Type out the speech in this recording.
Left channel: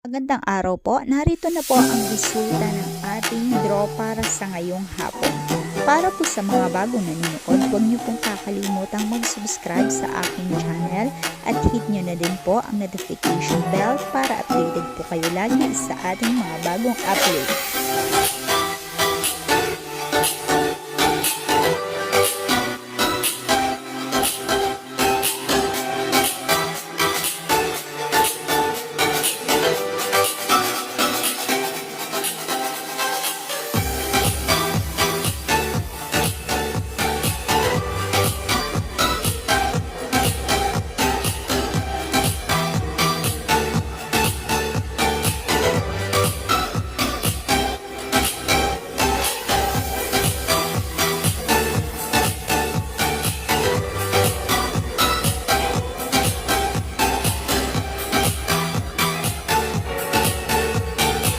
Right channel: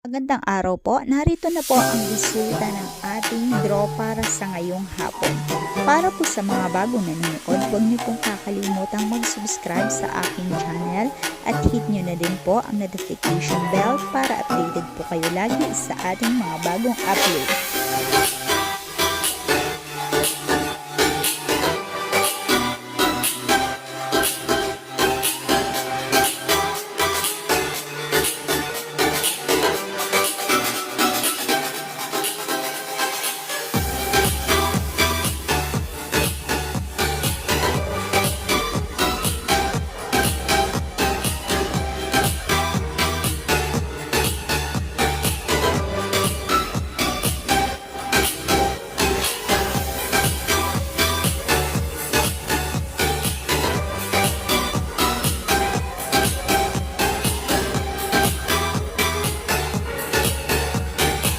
Magandang araw po. Narito na po ang resulta ng ating draw para sa ngayong hapon. Para po sa mga bagong nanonood, huwag niyo pong kakalimutang mag-subscribe sa aking channel at hit niyo na din po ang notification bell para updated po kayo lagi sa ating mga bagong upload.